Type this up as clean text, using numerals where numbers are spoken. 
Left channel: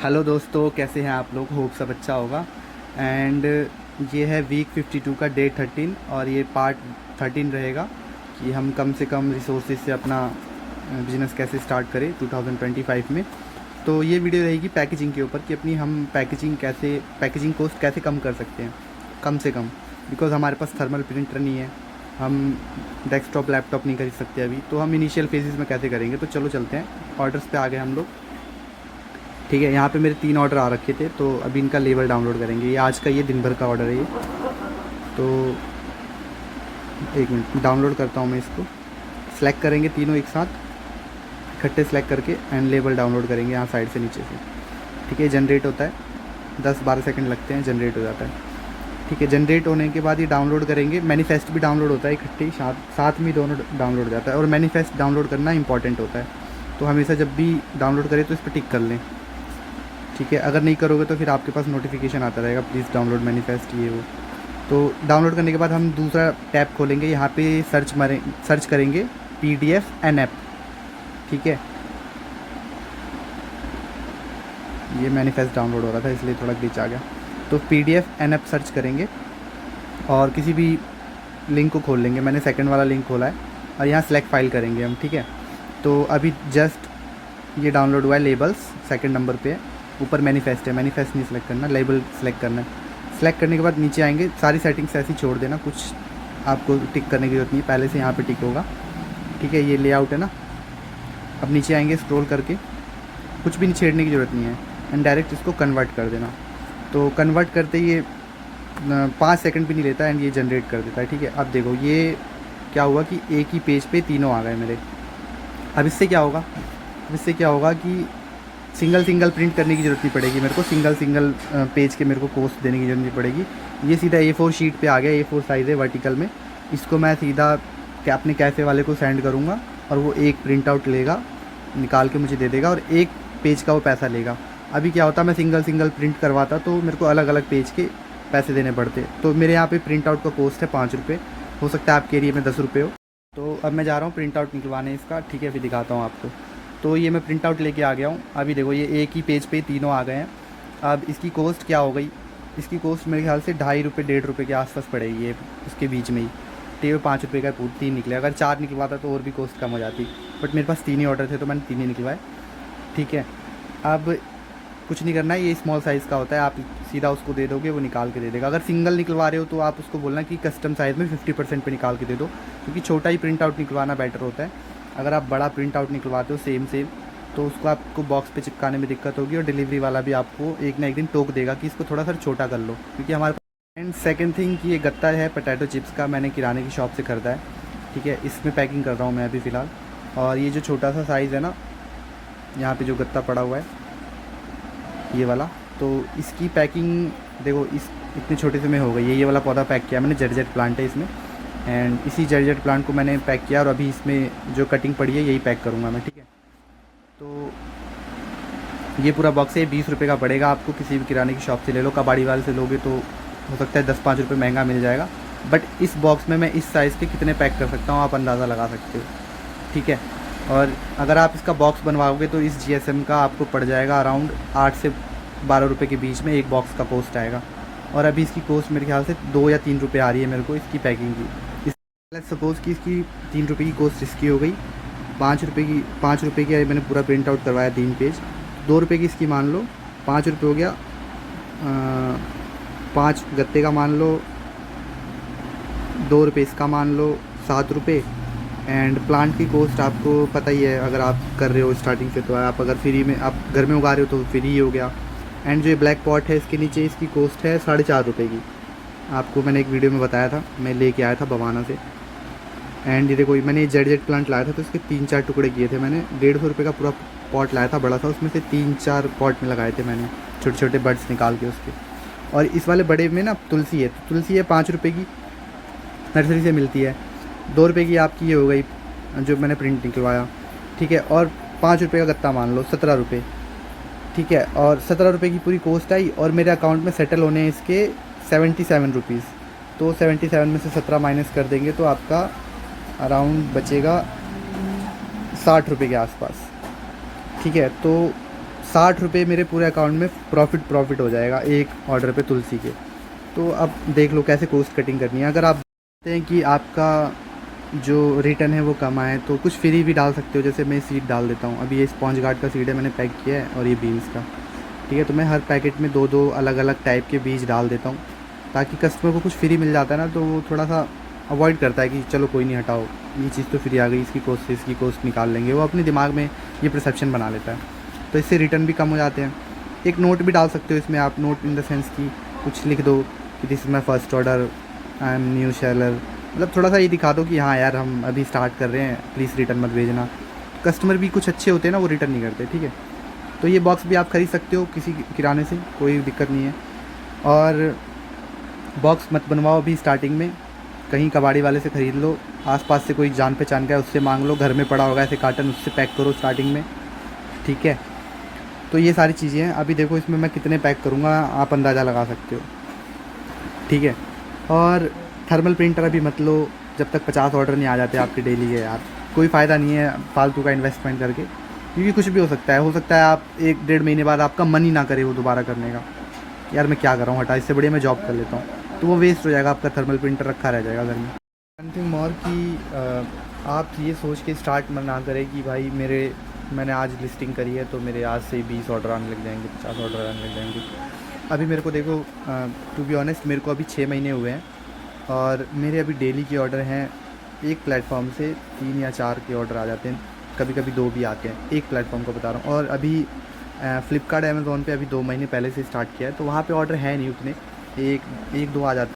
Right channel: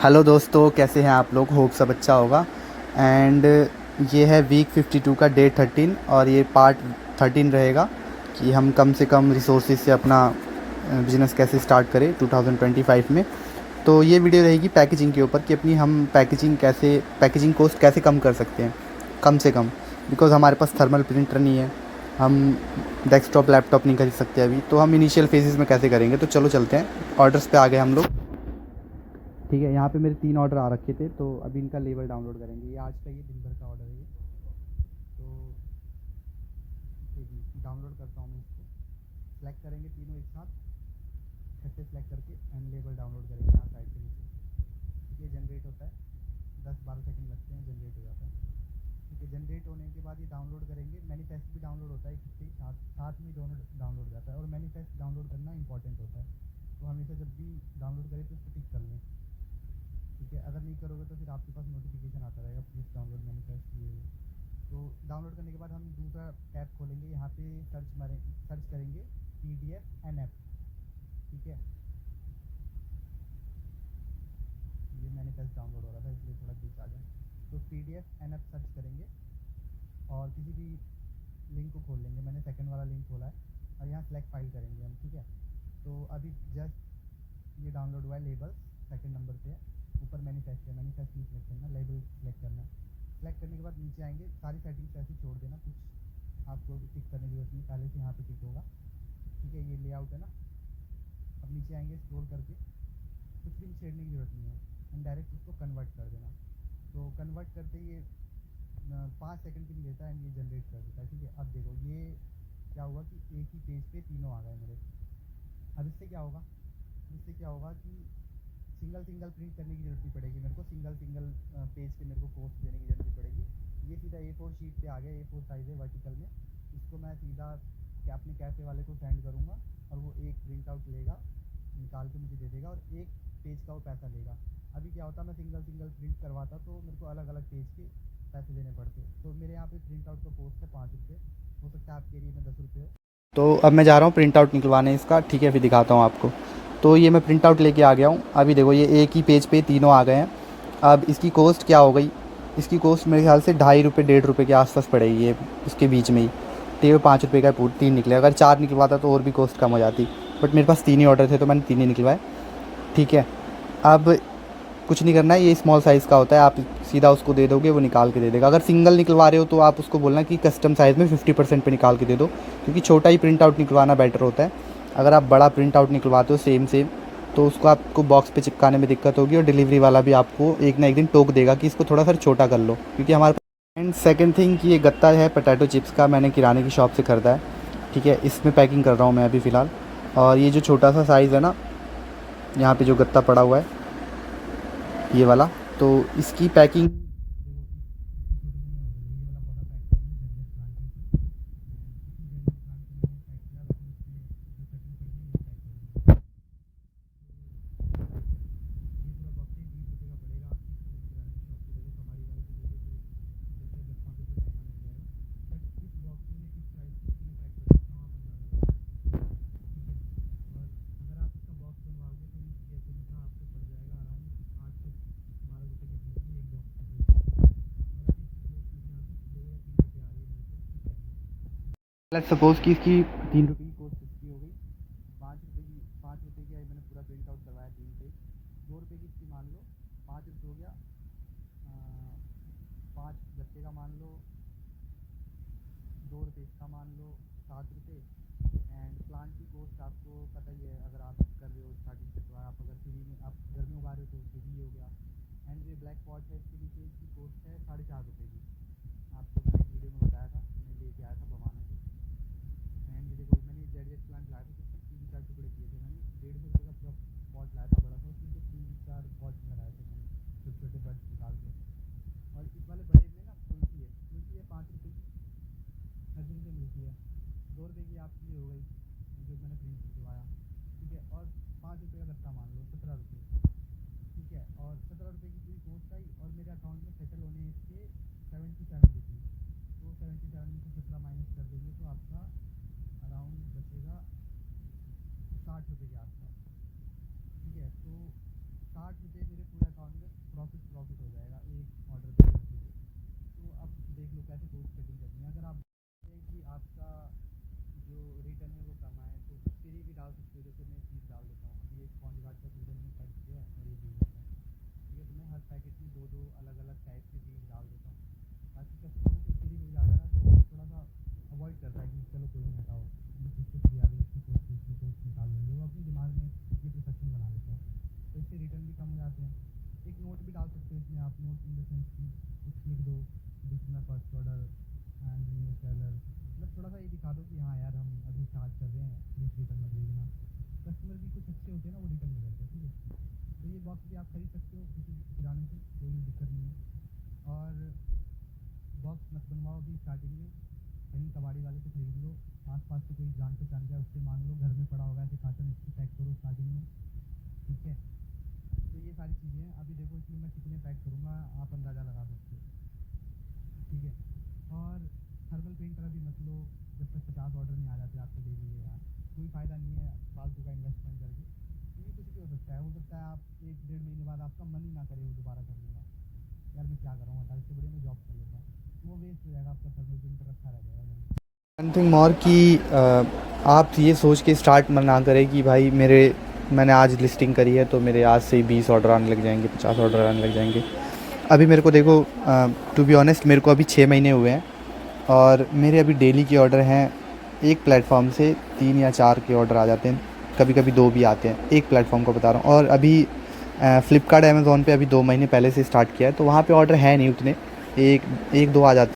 Hello दोस्तों, कैसे हैं आप लोग। होप सब अच्छा होगा। एंड ये है वीक 52 का डे 13 और ये पार्ट 13 रहेगा कि हम कम से कम रिसोर्सेज से अपना बिज़नेस कैसे स्टार्ट करें 2025 में। तो ये वीडियो रहेगी पैकेजिंग के ऊपर कि अपनी हम पैकेजिंग कॉस्ट कैसे कम कर सकते हैं कम से कम। बिकॉज़ हमारे पास थर्मल प्रिंटर नहीं है, हम डेस्कटॉप लैपटॉप नहीं खरीद सकते अभी, तो हम इनिशियल फेजेस में कैसे करेंगे। तो चलो चलते हैं, ऑर्डर्स पे आ गए हम लोग। ठीक है, यहाँ पे मेरे 3 ऑर्डर आ रखे थे, तो अभी इनका लेवल डाउनलोड करेंगे। ये आज का, ये दिन भर का ऑर्डर है ये। तो एक मिनट, डाउनलोड करता हूँ मैं इसको। सेलेक्ट करेंगे तीनों एक साथ, इकट्ठे सेलेक्ट करके एंड लेवल डाउनलोड करेंगे यहाँ साइड से नीचे से। ठीक है, जनरेट होता है, 10-12 सेकंड लगते हैं, जनरेट हो जाता है। ठीक है, जनरेट होने के बाद ये डाउनलोड करेंगे। मैनिफेस्ट भी डाउनलोड होता है इकट्ठे ही, साथ में दोनों डाउनलोड हो जाता है। और मैनिफेस्ट डाउनलोड करना इंपॉर्टेंट होता है, तो हमेशा जब भी डाउनलोड करें तो इस पर टिक कर लें। ठीक है, अगर नहीं करोगे तो फिर आपके पास नोटिफिकेशन आता रहेगा, प्लीज़ डाउनलोड मैनिफेस्ट ये वो। तो डाउनलोड करने के बाद हम दूसरा टैब खोलेंगे, यहाँ पे सर्च करेंगे PDF NF। ठीक है, ये मैनिफेस्ट डाउनलोड हो रहा था इसलिए थोड़ा ग्लिच आ गया। तो PDF NF सर्च करेंगे और किसी भी लिंक को खोल लेंगे। मैंने सेकंड वाला लिंक खोला है और यहाँ सेलेक्ट फाइल करेंगे हम। ठीक है, तो अभी जस्ट ये डाउनलोड हुआ है, लेबल्स सेकंड नंबर पे है, ऊपर मैनिफेस्ट है। मैनिफेस्ट नहीं सेलेक्ट करना, लेबल सेलेक्ट करना है। सेलेक्ट करने के बाद नीचे आएंगे, सारी सेटिंग्स ऐसी छोड़ देना, कुछ आपको टिक करने की ज़रूरत नहीं, पहले से यहाँ पे टिक होगा। ठीक है, ये लेआउट है ना। अब नीचे आएंगे स्क्रॉल करके, कुछ भी छेड़ने की ज़रूरत नहीं है, एंड डायरेक्ट इसको कन्वर्ट कर देना। तो कन्वर्ट करते ये 5 सेकंड भी नहीं लेता एंड ये जनरेट कर देता है। ठीक है, अब देखो ये क्या हुआ कि एक ही पेज पे तीनों आ गए मेरे। अब इससे क्या होगा, कि सिंगल प्रिंट करने की ज़रूरत नहीं पड़ेगी मेरे को, सिंगल पेज के मेरे को कोस्ट देने की ज़रूरत नहीं पड़ेगी। ये सीधा A4 शीट पे आ गया, A4 साइज़ है वर्टिकल में। इसको मैं सीधा अपने कैफ़े वाले को सेंड करूँगा और वो एक प्रिंट आउट लेगा, निकाल के मुझे दे देगा और एक पेज का वो पैसा लेगा। अभी क्या होता, मैं सिंगल प्रिंट करवाता तो मेरे को अलग अलग पेज के पैसे देने पड़ते। तो मेरे यहाँ पे प्रिंट आउट का कॉस्ट है 5 रुपये, हो सकता है आपके एरिया में 10 रुपये हो। तो अब मैं जा रहा हूँ प्रिंट आउट निकलवाने इसका। ठीक है, फिर दिखाता हूँ आपको। तो ये मैं प्रिंट आउट लेके आ गया हूँ। अभी देखो ये एक ही पेज पे तीनों आ गए हैं। अब इसकी कॉस्ट क्या हो गई, इसकी कॉस्ट मेरे ख्याल से 2.5 रुपये 1.5 रुपये के आसपास पड़ेगी, ये इसके बीच में ही। तो 5 रुपये का पूरा 3 निकले। अगर 4 निकलवाता तो और भी कॉस्ट कम हो जाती, बट मेरे पास 3 ही ऑर्डर थे तो मैंने 3 ही निकलवाए। ठीक है, अब कुछ नहीं करना है, ये स्मॉल साइज़ का होता है, आप सीधा उसको दे दोगे, वो निकाल के दे देगा। अगर सिंगल निकलवा रहे हो तो आप उसको बोलना कि कस्टम साइज़ में 50% पे निकाल के दे दो, क्योंकि छोटा ही प्रिंट आउट निकलवाना बेटर होता है। अगर आप बड़ा प्रिंट आउट निकलवाते हो सेम तो उसको आपको बॉक्स पे चिपकाने में दिक्कत होगी और डिलीवरी वाला भी आपको एक ना एक दिन टोक देगा कि इसको थोड़ा सा छोटा कर लो, क्योंकि हमारे पास। एंड सेकेंड थिंग कि ये गत्ता है पोटैटो चिप्स का, मैंने किराने की शॉप से ख़रीदा है। ठीक है, इसमें पैकिंग कर रहा हूँ मैं अभी फ़िलहाल। और ये जो छोटा सा साइज़ है ना, यहाँ पे जो गत्ता पड़ा हुआ है ये वाला, तो इसकी पैकिंग देखो, इस इतने छोटे से में हो गई है। ये वाला पौधा पैक किया मैंने, जर्जेट प्लांट है इसमें, एंड इसी जर्जेट प्लांट को मैंने पैक किया और अभी इसमें जो कटिंग पड़ी है यही पैक करूँगा मैं। ठीक है, तो ये पूरा बॉक्स है, 20 रुपये का पड़ेगा आपको, किसी भी किराने की शॉप से ले लो, कबाड़ी वाले से लोगे तो हो सकता है 10-5 रुपये महंगा मिल जाएगा। बट इस बॉक्स में मैं इस साइज़ के कितने पैक कर सकता हूँ आप अंदाज़ा लगा सकते हो। ठीक है, और अगर आप इसका बॉक्स बनवाओगे तो इस GSM का आपको पड़ जाएगा अराउंड 8 से 12 रुपये के बीच में एक बॉक्स का कॉस्ट आएगा। और अभी इसकी कॉस्ट मेरे ख्याल से 2 या 3 रुपये आ रही है मेरे को इसकी पैकिंग की। इस सपोज़ कि इसकी 3 रुपये की कॉस्ट इसकी हो गई, 5 रुपये की मैंने पूरा प्रिंट आउट करवाया 3 पेज, 2 रुपये की इसकी मान लो, 5 रुपये हो गया, 5 गत्ते का मान लो, 2 रुपये इसका मान लो, 7 रुपये। एंड प्लांट की कॉस्ट आपको पता ही है, अगर आप कर रहे हो स्टार्टिंग से, तो आप अगर फ्री में आप घर में उगा रहे हो तो फ्री ही हो गया। एंड जो ये ब्लैक पॉट है इसके नीचे, इसकी कॉस्ट है 4.5 रुपये की। आपको मैंने एक वीडियो में बताया था, मैं लेके आया था बवाना से। एंड ये देखो, मैंने जेड प्लांट लाया था तो इसके 3-4 टुकड़े किए थे मैंने, 150 रुपये का पूरा पॉट लाया था बड़ा सा, उसमें से 3-4 पॉट में लगाए थे मैंने, छोटे छोटे बर्ड्स निकाल के उसके। और इस वाले बड़े में ना तुलसी है, तो तुलसी है 5 रुपये की, नर्सरी से मिलती है। 2 रुपये की आपकी ये हो गई जो मैंने प्रिंट निकलवाया। ठीक है, और 5 रुपये का गत्ता मान लो, 17 रुपये। ठीक है, और 17 रुपये की पूरी कॉस्ट आई और मेरे अकाउंट में सेटल होने हैं इसके 77 रुपीज़। तो 77 में से 17 माइनस कर देंगे तो आपका अराउंड बचेगा 60 रुपये के आसपास। ठीक है, तो ₹60 मेरे पूरे अकाउंट में प्रॉफिट हो जाएगा एक ऑर्डर पे तुलसी के। तो अब देख लो कैसे कॉस्ट कटिंग करनी है। अगर आप चाहते हैं कि आपका जो रिटर्न है वो कम आए तो कुछ फ्री भी डाल सकते हो। जैसे मैं सीड डाल देता हूँ, अभी ये स्पॉन्ज गार्ड का सीड है मैंने पैक किया है, और ये बीन्स का, ठीक है। तो मैं हर पैकेट में 2-2 अलग-अलग टाइप के बीज डाल देता हूँ, ताकि कस्टमर को कुछ फ्री मिल जाता है ना, तो वो थोड़ा सा अवॉइड करता है कि चलो कोई नहीं, हटाओ, ये चीज़ तो फ्री आ गई, इसकी कॉस्ट से इसकी कॉस्ट निकाल लेंगे। वो अपने दिमाग में ये परसेप्शन बना लेता है, तो इससे रिटर्न भी कम हो जाते हैं। एक नोट भी डाल सकते हो इसमें आप, नोट इन द सेंस कि कुछ लिख दो कि this is my first order, I am new seller, मतलब थोड़ा सा ये दिखा दो कि हाँ यार हम अभी स्टार्ट कर रहे हैं, प्लीज़ रिटर्न मत भेजना। कस्टमर भी कुछ अच्छे होते हैं ना, वो रिटर्न नहीं करते, ठीक है। तो ये बॉक्स भी आप ख़रीद सकते हो किसी किराने से, कोई दिक्कत नहीं है। और बॉक्स मत बनवाओ अभी स्टार्टिंग में, कहीं कबाड़ी वाले से ख़रीद लो, आसपास से कोई जान पहचान का है उससे मांग लो, घर में पड़ा होगा ऐसे कार्टन, उससे पैक करो स्टार्टिंग में, ठीक है। तो ये सारी चीज़ें हैं। अभी देखो इसमें मैं कितने पैक करूँगा, आप अंदाज़ा लगा सकते हो, ठीक है। और थर्मल प्रिंटर अभी मत लो जब तक 50 ऑर्डर नहीं आ जाते आपके डेली के। यार कोई फ़ायदा नहीं है फालतू का इन्वेस्टमेंट करके, क्योंकि कुछ भी हो सकता है आप 1-1.5 महीने बाद आपका मन ही ना करे वो दोबारा करने का, यार मैं क्या कर रहा हूँ, हटा, इससे बढ़िया मैं जॉब कर लेता हूँ, तो वो वेस्ट हो जाएगा, आपका थर्मल प्रिंटर रखा रह जाएगा घर में। समथिंग मोर कि आप ये सोच के स्टार्ट ना करें कि भाई मैंने आज लिस्टिंग करी है तो मेरे आज से ही 20 ऑर्डर आने लग जाएंगे, 50 ऑर्डर आने लग जाएंगे। अभी मेरे को देखो, टू बी ऑनेस्ट मेरे को अभी 6 महीने हुए हैं, और मेरे अभी डेली के ऑर्डर हैं, एक प्लेटफॉर्म से 3 या 4 के ऑर्डर आ जाते हैं, कभी कभी 2 भी आते हैं, एक प्लेटफॉर्म को बता रहा हूँ। और अभी फ़्लिपकार्ट अमेज़ॉन पे अभी 2 महीने पहले से स्टार्ट किया है, तो वहाँ पे ऑर्डर है नहीं उतने, एक 1-2 आ जाते हैं।